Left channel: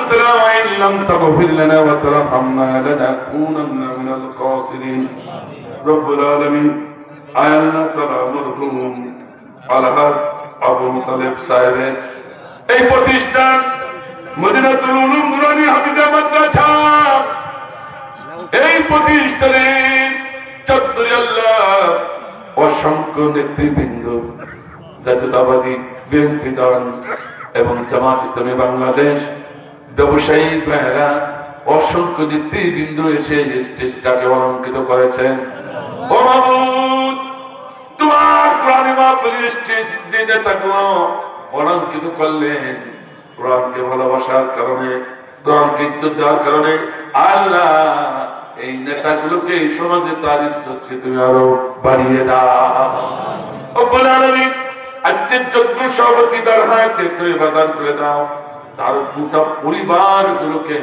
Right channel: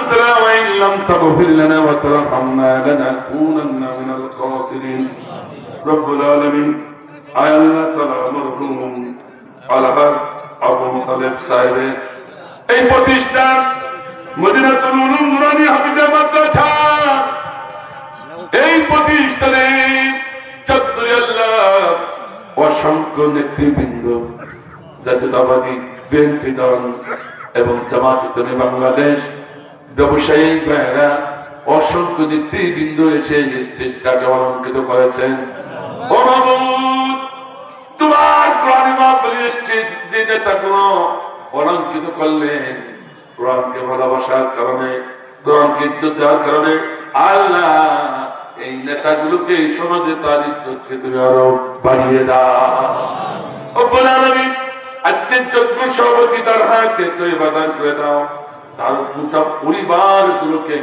أنفسنا وإن لم تغفر لنا وترحمنا لنكونن من الخاسرين رب العالمين আল্লাহ তাআলা মরহুম আলহাজ আবু তালেব সাহেবের এই প্রতিষ্ঠান মদিনাতুল উলুম নুরানী হাফিজা মাদ্রাসা এই প্রতিষ্ঠানে চত্বরে আল্লাহ অসংখ্য নেতৃবৃন্দ জাতীয়তাবাদী বিএনপি দল এবং জামাত ইসলামী বাংলাদেশ ব্যবসায়ী ভাইয়েরা অসংখ্য নেতৃবৃন্দ এসে স্টেজটাকে অলঙ্কৃত করেছেন। তোমার কোরআনে মাহফিলের স্টেজ যে নেতাগুলো অলঙ্কৃত করলেন কোরআনকে ভালোবাসার কারণে, কোরআনকে ইজ্জত দেওয়ার কারণে আল্লাহ এই নেতাগুলোকে এই সমাজে তার ইজ্জতকে তুমি আরো বাড়িয়ে দাও। আজকের যজ্ঞ সভাপতি তার হাতে বাদান করে দাও, তার গোটা পরিবার গুলোকে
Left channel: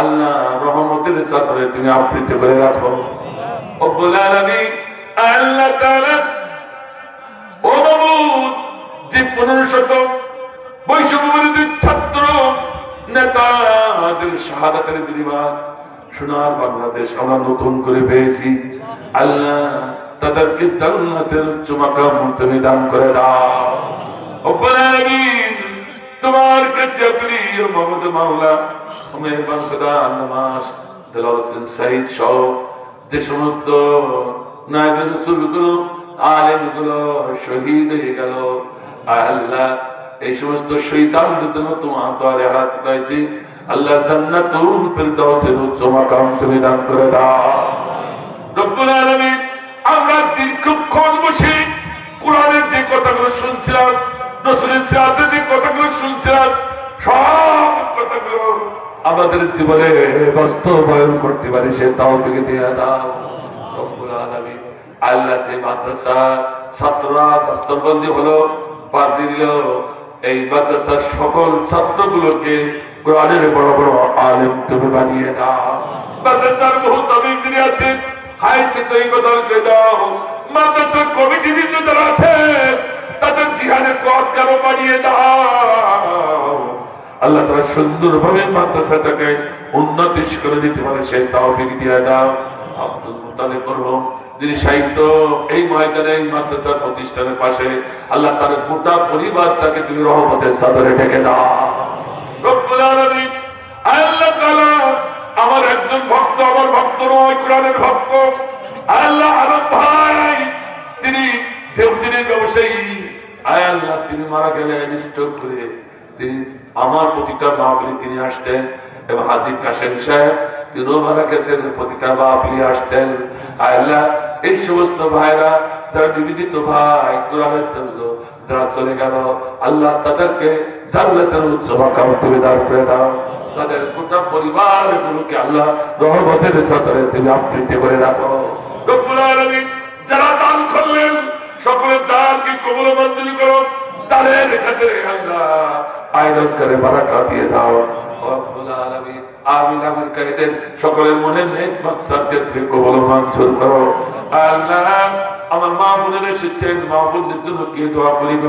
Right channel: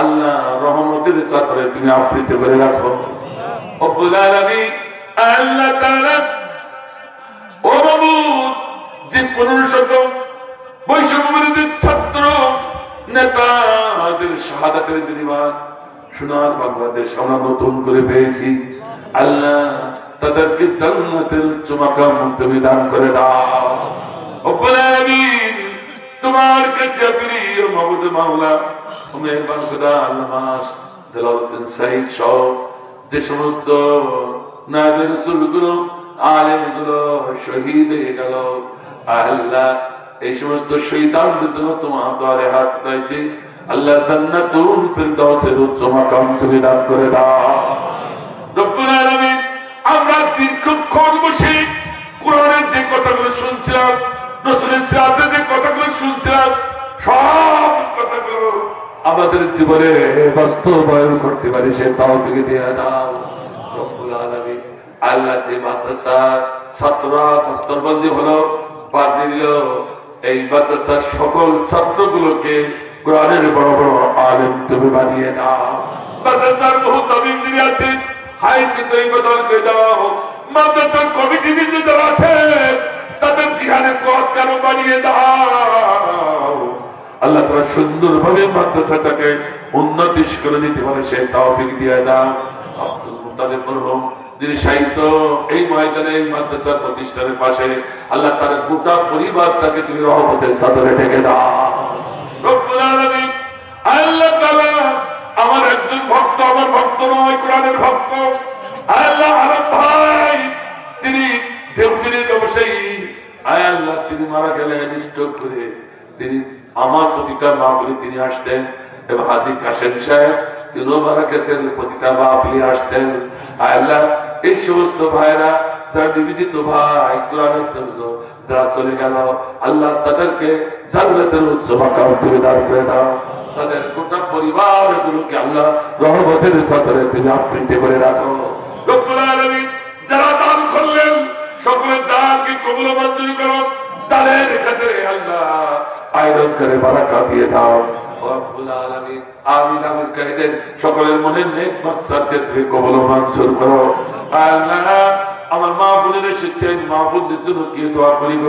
আল্লাহ রহমতের চাদরে তুমি আবৃত করে রাখো। আল্লাহ তাআলা ও মাবুদ যে 1500 বৈষম্যবিরোধী ছাত্র নেতাদের শাহাদাতের বিনিময় সোনার বাংলাদেশ আমরা নতুন করে পেয়েছি, আল্লাহ তাদেরকে জান্নাতের উচ্চ মাকাম তুমি দান করে দাও। রব্বুল আলামিন তোমার কাছে প্রিয় মাবুদ মাওলা তুমি বান্দা আল্লাহ দেলাওয়ার হোসেন সাইদ সহ যে সমস্ত নায়েবে রাসূলগুলো আলেমগুলো শহীদ হয়ে গেল আল্লাহ এই সমস্ত শহীদদের জন্য তোমার দরবারে হাত উঠাইছি, আল্লাহ জান্নাতুল ফিরদাউসের উচ্চ মাকাম তুমি দান করে দাও। রব্বুল আলামিন আমরা দীর্ঘক্ষণ বসে কোরআনের যে কথাগুলো শুনছিলাম, রাসূলের সিরাতের যে কথাগুলো শুনছিলাম, সব কথাগুলো আমাদের জীবনে বাস্তবায়ন করতে পারি সে তাওফিক দিয়ে দাও। রব্বুল আলামিন আল্লাহ যে মাদ্রাসা ছাত্ররা দস্তরবন্দি হলো পাঠিয়ে দিল, এই মাদ্রাসার সকল ছাত্রগুলোকে কোরআনের বড় বড় আলেম তুমি বানিয়ে দাও। মাদ্রাসার বহু তালিমদ্বীন আছে হাইতে তৈবদল করে দাও। মাদ্রাসার কমিটিবৃন্দ যারা আছে তাদের জিহাদের পথ কারো বানিয়ে দাও। আল্লাহ তাআলা সুন্দরভাবে মাদ্রাসাটাকে উন্নতি করে দিতে পারে সে তাওফিক দিয়ে দাও। আব্দুল মুত্তালিব মরহুম যিনি সাহিত্য এই ময়দানে এই মাদ্রাসার প্রতিষ্ঠানের পাশে আল্লাহ তার গোটা পরিবারটাকে তুমি রহমতের চাদরে ঢেকে দাও। রব্বুল আলামিন আল্লাহ তাআলা আমার একজন ভক্ত, আমার ভক্ত নয় কোরআনের ভক্ত আল্লাহ আরব ভাই, তিনি দেওজির ব্যবসায়ী আল্লাহ তিনি মারা গেলেন স্ট্রোক করে, তিনি আমার প্রতিটা মাহফিলে তিনি আসতেন এবং হাজী কাশেম সাহেব তিনিও মারা গেছেন, প্রতিটা মাহফিলে আসতেন। আল্লাহ এই সমস্ত ভাইরা যারা নিবেদিত ভাই কোরআনের জন্য যারা চলে গেল আল্লাহ তাদেরকে জান্নাতের উচ্চ মাকাম তুমি দান করে দাও। তাদের গোটা পরিবার গুলোকে আল্লাহ রহমতের চাদরে তুমি আবৃত করে রাখো। রব্বুল আলামিন যারা দান করলেন সকলের দানকে কবুল মঞ্জুর করো, তাদের ক্ষেত্রে আল্লাহ আয় রোজগারে বারাকা দিয়ে দাও। রব্বুল আলামিন আমিন আমিন কইদেন সকলের মনে নেক মাকসাদকে কবুল মঞ্জুর করো। আল্লাহ আমার মা বোনের এসেছেন, মা বোনদের জন্য কি দোয়া করিব,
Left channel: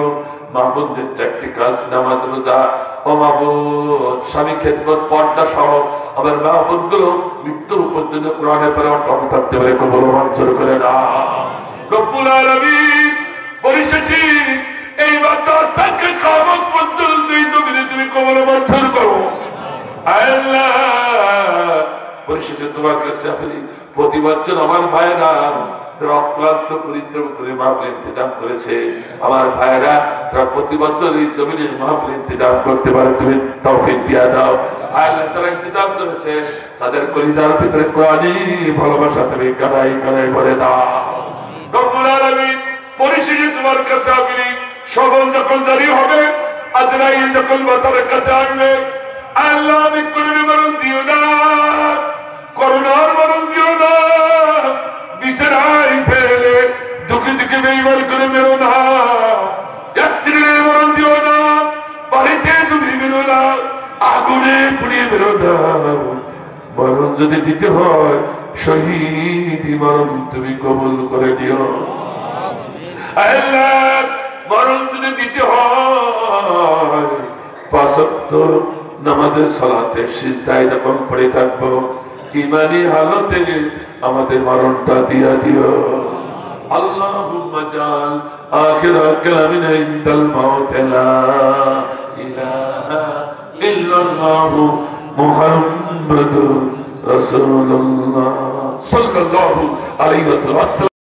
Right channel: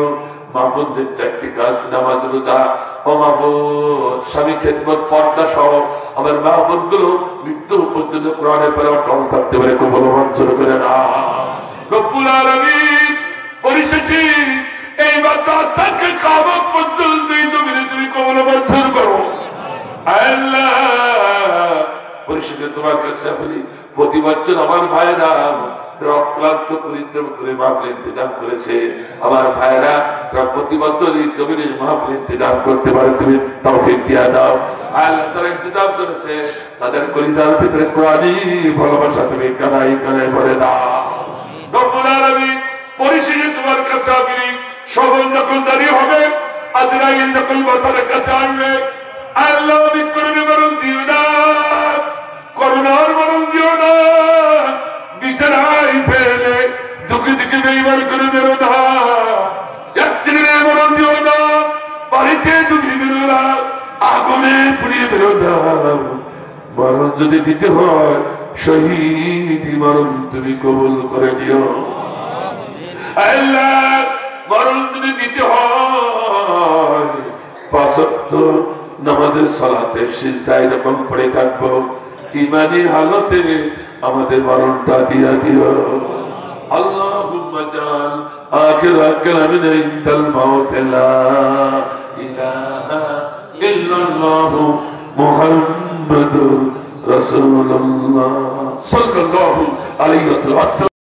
মা বোনদের চারটি কাজ নামাজ রোজা ও মা বোন স্বামী খেদমত পর্দা সহ আমার মা বোনগুলো মৃত্যু পর্যন্ত কোরআনের পরে অটল থাকতে পারে কবুল মঞ্জুর করে না। রব্বুল আলামিন পরিশেষে এই মাদ্রাসাকে কিয়ামত পর্যন্ত এই জমিনে তুমি কবুল মঞ্জুর করো। আল্লাহ পরিশেষে তোমার কাছে আমি প্রতি বছর আমার ভাইরা অক্লান্ত পরিশ্রম করে মাহফিল ইন্তজাম করেছে, আমার ভাইরা প্রতি বছর এই জমিনের মাহফিল ইন্তজাম করতে পারে তুমি তৌফিক দিয়ে দাও। আল্লাহ তারা ইন্তজাম করেছে তাদের পরিবার ভিতরে কোরআনী ভালোবাসা তুমি কানাই কানাই ভরে দাও। রব্বুল আলামিন পরিশেষে তোমার কাছে আমি সকল যখন জারি হবে আজরাইল যখন বাতার কাছে আসবে আল্লাহ আমি করুণা মরণ দিও না, করুণার মরণ দিও না, বিছানায় ফেলে দুঃখে দুঃখে বেইমান করে বেরো না, অ্যাক্সিডেন্টে মরণ দিও না, বাড়িতে ডুবে বেরো না, আগুনে পুড়িয়ে বেরো না। মরণ যদি দিতে হয় শহীদি মরণ তুমি কবুল করে দিও। আল্লাহ মরণ যদি দিতে হয় ৫ ওয়াক্ত নামাজের সালাতে সিজদায় যখন পড়ে থাকবো ইমানি হালতে আমাদের মরণটা দিয়া দিও আল্লাহুম্মা জাল আখির কালামিনা ইনদাল মাউত লা ইলাহা ইল্লাল্লাহু মুহাম্মাদুর রাসূলুল্লাহ সাল্লাল্লাহু আলাইহি ওয়াসাল্লাম।